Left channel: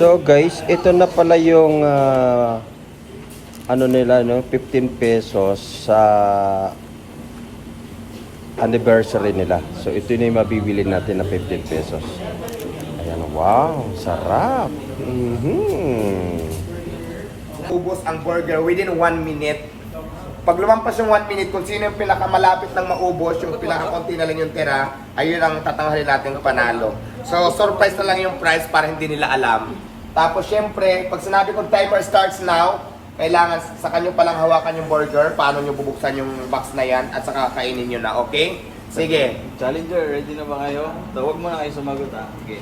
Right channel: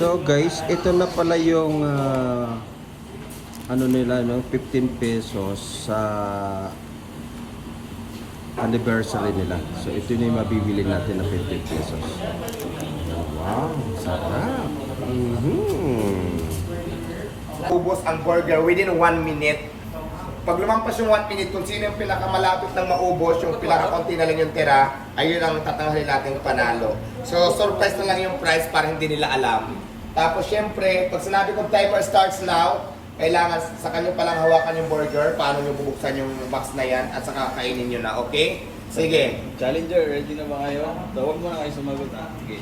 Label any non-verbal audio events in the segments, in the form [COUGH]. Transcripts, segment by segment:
So guys, ito na pala yung ah, ano nila no, 15 pesos sa anniversary nila. So ito na yung mabibili natin na 15 pesos. Ayan, wow, sarap. Mhm. ubos ang burger within 1 minute. Pag lumampas yung 1 minute, kung sino yung pinakamalapit ng maubos, yung pinakakonti na lang yung tira, ayun ang tatanghalin natin panalo. So, surprise na lang yung price para hindi nila alam. Tapos, syempre, pag sinabi kong timer starts now, kailangan sa kanyo palang hawakan yung burger, paano nyo bubuksan yung box na yan, at saka kainin nyo na, okay? Sige. Challenger, ready na ba kayo? So, huwag mo na kayo sumagot ah. Sige.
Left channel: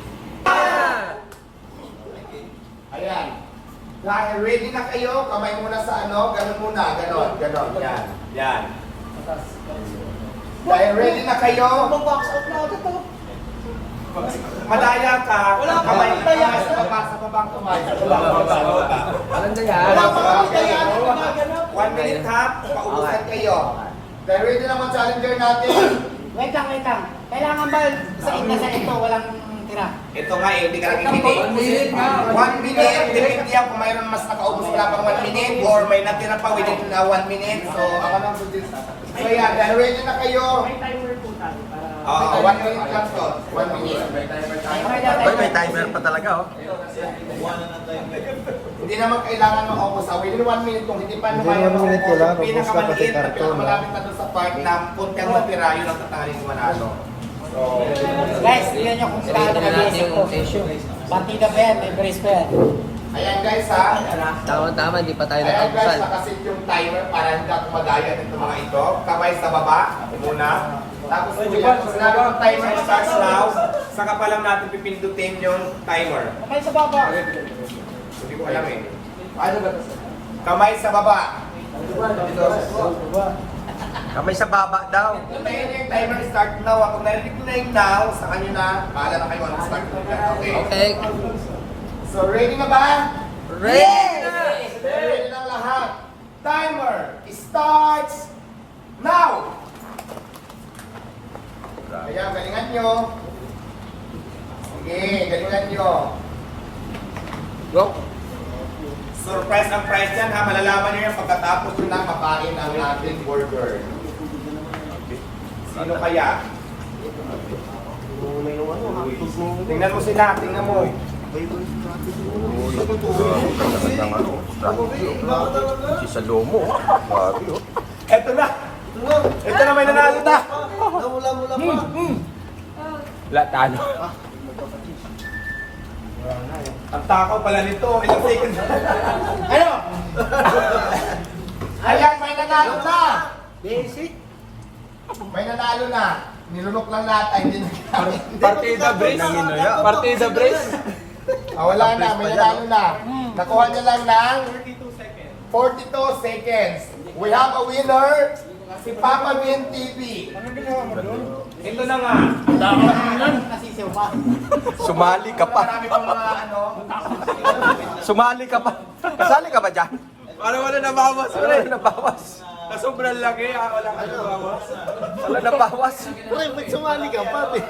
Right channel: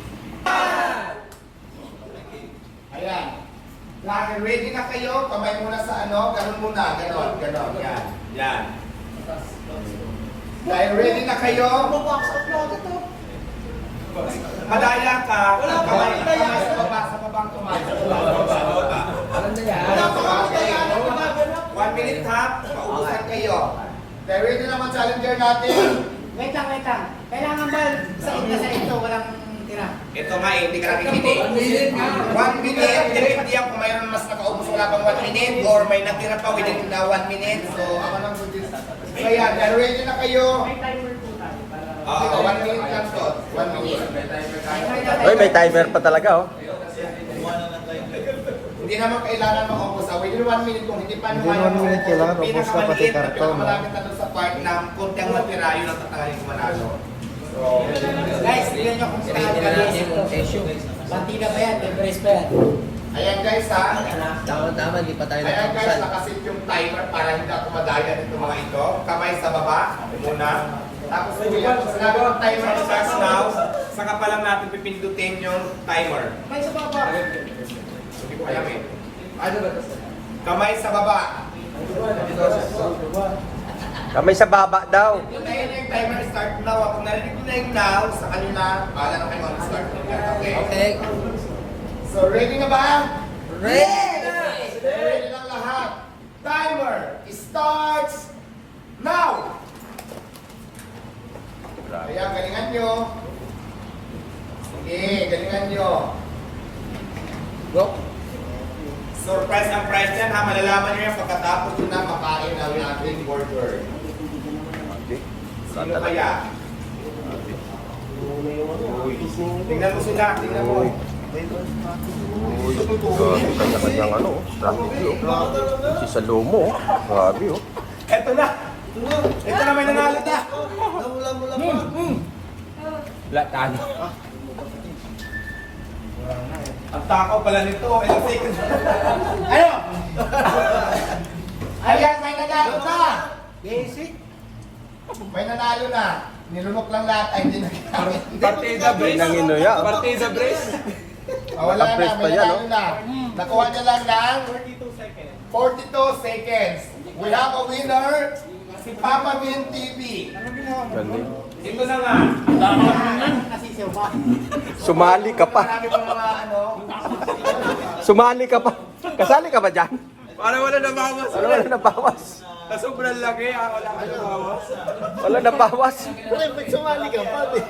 Ayan. Dahil ready na kayo, kamay muna sa ano, ganun muna, ganun, ganun, yan, yan. Dahil ready na kayo, madaya ka, Wala pa kamay, daya. kamay sa baba, sa babang kamay, sa baba, sa baba, sa baba. Wala pa akong daya. One minute ha, paubusan kayo. Dahil ready na mga challenger natin. Wait lang, wait lang. Kailangan ba sa inyo sa ito walang tira? Ito nga eh, hindi ka nakikinig. One minute nga. One minute, depende yan kung mayroon mas nakaubos wala pang one minute or may natira pa within uh, one minute. So, ako nang suggest. So yan, dahil ready na kayo. Oo, one minute lang to. One minute. Oh, may timer pa talaga oh. Hindi naman kailangan maubos. Ah, within one minute, kung hindi pa Hindi naman one minute kailangan maubos pinakamaliit na karton, pinakamalapit na doon sa part na kunti ang natira, yun ang tatangalin ko manalo. So, Guys, tingnan nyo kung saan nag-iisip ko. Partida pa yan, may brace pa yan. ayan guys ha. Tama-tama, hindi pa tayo Ayan guys, nakasit yung timer para hindi ako madaya nito mga ito. Kamay sa baba, muna. Tapos po yan, sinabi ng timer starts now, saka pa lang natin pipindutin yung timer. Kamay sa baba. Hindi ko alam eh. Kamay sa baba. Kami sa baba daw. Kung tayo yung timer start now, kung narinig na yung now, sa kanila, paala na kayo ang start. Okay? Okay. So ready na ba? Ready na! Ready na lahat. Timer starts now! Ayan, galingan nyo. Sige, galingan nyo. Go! Surprise ang price yan ha. Malalaman nyo yan pagkatapos nyo na makain ang ating burger. Sino kaya? Tingnan mo sila, tingnan mo. Sa lumo. Eto na! Ito na may nanalo na! Latano. Ang takaw pala nito, ilang seconds. Ayo! Ayan, may nanalo na! Basic. May nanalo na. Nilunok lang lahat ay hindi nagkamit. Partida brace. Partida brace. Ah, wala na, may nanalo na. Nakuha niya lang ng 42 seconds. We have a winner, si Papa Min TV. Ito na nga. Nasisiw pa. Sumali ka pa. Marami pang mga ano. Sumali ka pa. Kasali ka ba dyan? Para wala nabawas rin. Nabawas. Na sobrang laki ah. Wala ka nabawas. Wala nabawas. Uy, ba't sumali ka pa? di?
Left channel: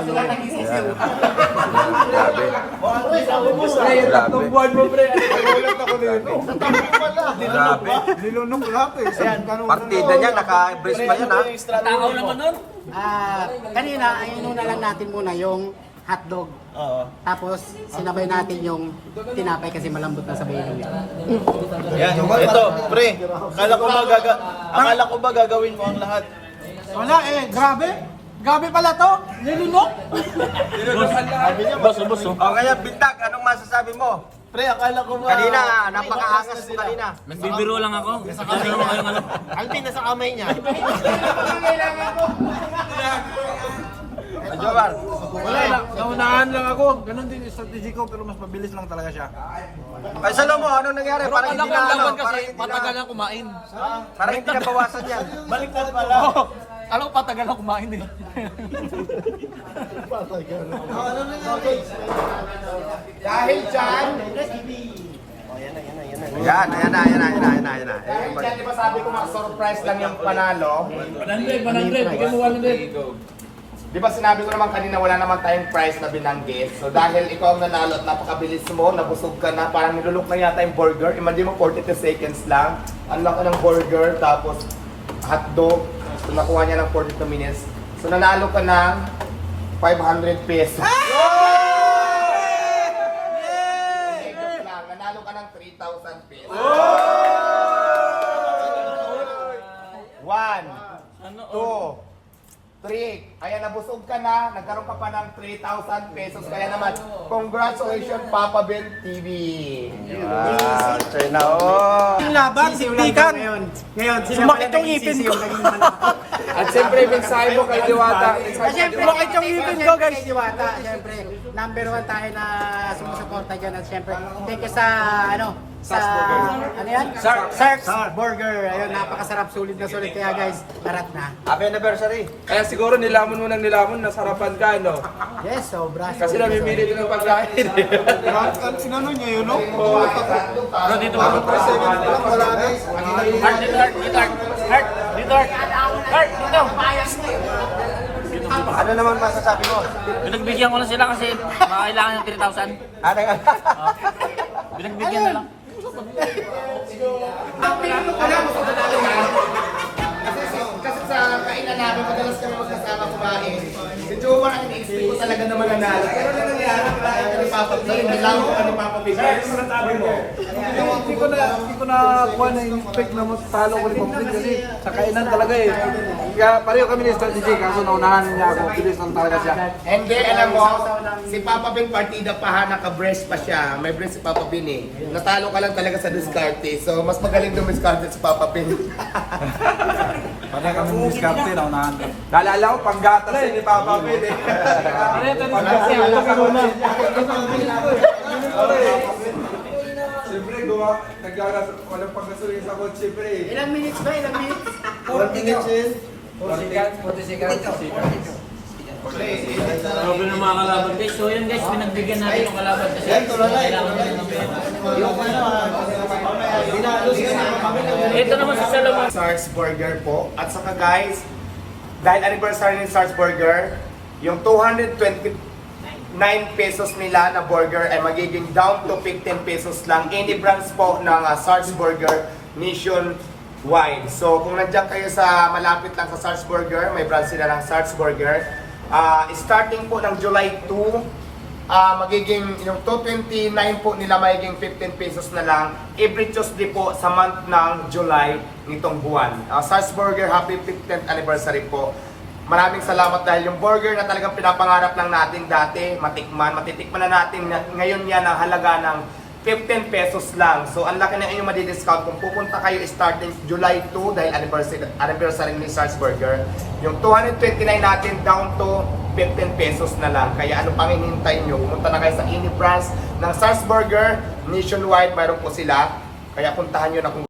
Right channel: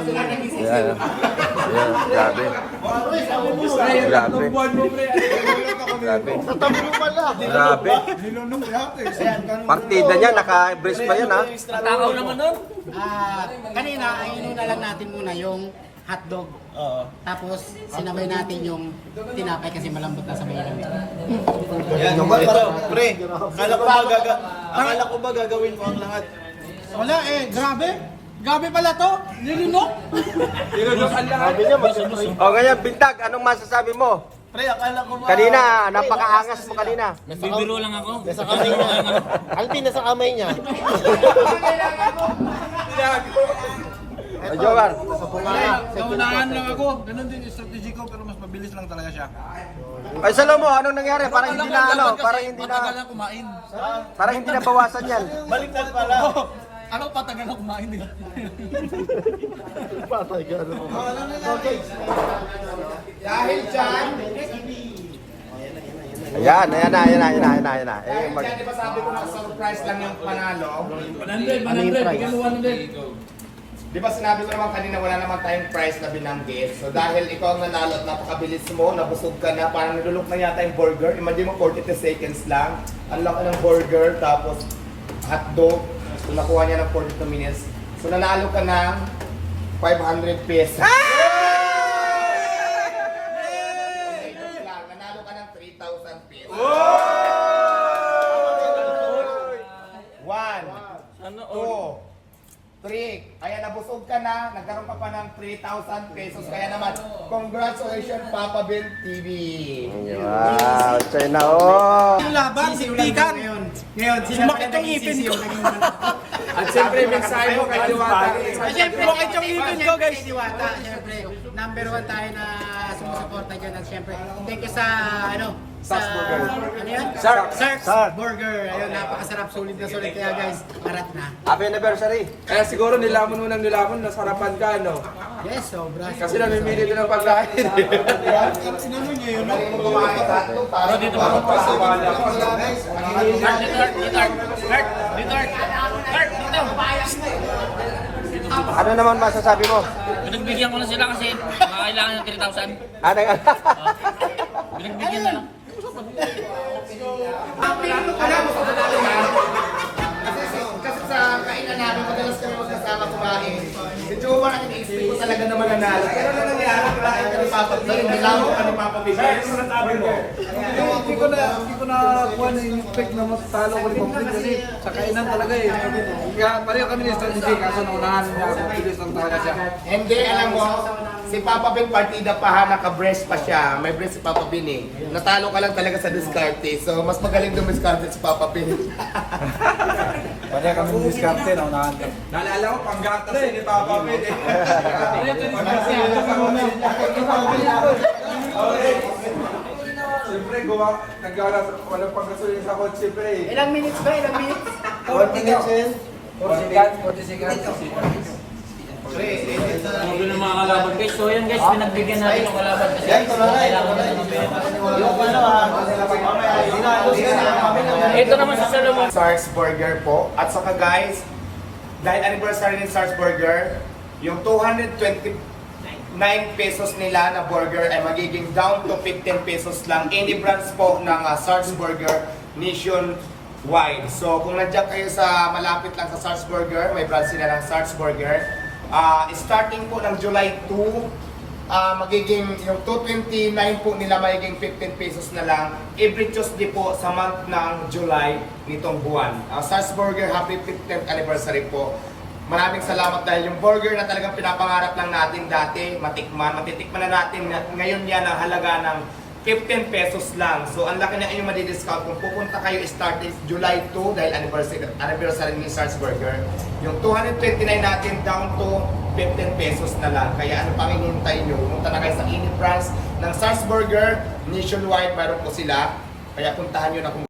Sila nagsisiw. Pre, yung tatlong buwan mo pre. Nagulat ako nito. Nilunok ba? Nilunok lahat eh. Partida niya, naka-brace pa yun. Takaw naman nun. Ah, kanina, ay inuna lang natin muna yung hotdog. Oo. Tapos, sinabay natin yung tinapay kasi malambot na sa buhay kami. Yan, ito, pre. Akala ko ba gaga akala ko ba gagawin mo ang lahat? Wala eh, grabe. Grabe pala to. Nilunok. Boss, boss. O ngayon, Bintag, anong masasabi mo? Pre, akala ko ba Kanina, napaka-angas kanina. Nagbibiro lang ako. Ano naman kayong ano? Alvin nasa kamay niya. [LAUGHS] naunahan lang ako. Ganon din yung strategy ko, pero mas mabilis lang talaga siya. Ay, sana mo, anong nangyari? Pero alam ko ang laban kasi matagal na kumain. Parang hindi nabawasan yan. [LAUGHS] Baliktad pala. Alam ko patagal na kumain eh. Patay ka. Ano nangyari? Dahil dyan, Yan, ayan na, ayan na, ayan na, ayan na. dahil dyan, di ba sabi ko mga surprise lang yung panalo? 100, 100, bigyan mo 100. Di ba sinabi ko naman kanina wala naman tayong price na binanggit. So dahil ikaw ang nanalo at napakabilis mo, nabusog ka na, parang nilulok na yata yung burger. Imagine mo 42 seconds lang. Ang laki ng burger, tapos hotdog. So nakuha niya ng 42 minutes. So nanalo ka ng 500 pesos. Hindi, joke lang. Nanalo ka ng 3,000 pesos. One, two, three. Kaya nabusog ka na, nagkaroon ka pa ng 3,000 pesos. Kaya naman, congratulations Papa Ben TV. Yung laban, tikan. Ngayon, ngayon sumakit yung ipin ko. At siyempre, mensahe mo kay Diwata. Siyempre, Sumakit yung ipin ko, guys. Diwata, siyempre, number one tayo na sumusuporta dyan. At siyempre, thank you sa, ano, sa, ano yan? Sarks Burger. Ayun, napakasarap, sulit na sulit. Kaya guys, arat na. Kaya siguro nilamon mo ng nilamon, nasarapan ka, no? Yes, sobra. Kasi namimili doon ng pagkain. Sinano niya yun, no? Bro, dito bro. Art, dito art, dito art. Art, dito art. Art, dito. Ano naman masasabi mo? Binagbigyan ko na sila kasi makakailangan ng 3,000. Oh. Binagbigyan na lang. Kasi, kasi sa kainan namin, madalas kami magkasama kumain. Si Jomar, ang in-expect ko talaga na mananalo. Pero na nangyari, kumain ka ni Papa B. Nilaw ka ni Papa B. Kaya yung masasabi mo. Hindi ko na, hindi ko na kuha na yung pick na matalo ko ni Pamplin kasi sa kainan talaga eh. Kaya pareho kami ni strategy kaso naunahan niya ako. Bilis lang talaga siya. And then, alam mo, si Papa Ben partida pa ha, naka-breast pa siya. May breast si Papa Ben eh. Natalo ka lang talaga sa discarte. So, mas magaling dumiskarte si Papa Ben. [LAUGHS] Pareho kami ni Discarte, naunahan kami. Naalala ko, panggatas eh, ni Papa Ben eh. Siyempre, gumawa, naggagas, walang pagkasulong sa kotse, siyempre eh. Ilang minutes ba? Ilang minutes? 1 minutes yun. 40 seconds. Grabe ng mga kalaban guys. So yan guys, pinagbigyan natin ng kalaban kasi kailangan na ng pera. Ito naman sa Salomon. Stars Burger po. At saka guys, dahil anniversary ng Stars Burger, yung 229 pesos nila na burger ay magiging down to 15 pesos lang. Any brands po ng uh, Stars Burger nationwide. So kung nandiyan kayo sa malapit lang sa Stars Burger, may brand sila ng Stars Burger. Ah, starting po ng July 2, Ah, magiging yung 229 po nila magiging 15 pesos na lang every Tuesday po sa month ng July nitong buwan. Uh, Sars happy 15th anniversary po. Maraming salamat dahil yung burger na talagang pinapangarap lang natin dati, matikman, matitikman na natin na- ngayon yan ang halaga ng 15 pesos lang. So ang laki na inyong madi-discount kung pupunta kayo starting July 2 dahil anniversary, anniversary ni Sars Burger. Yung 229 natin down to 15 pesos na lang. Kaya ano pang hinihintay nyo? Pumunta na kayo sa any branch ng Sars Burger nationwide. Mayroon po sila. Kaya puntahan nyo na kung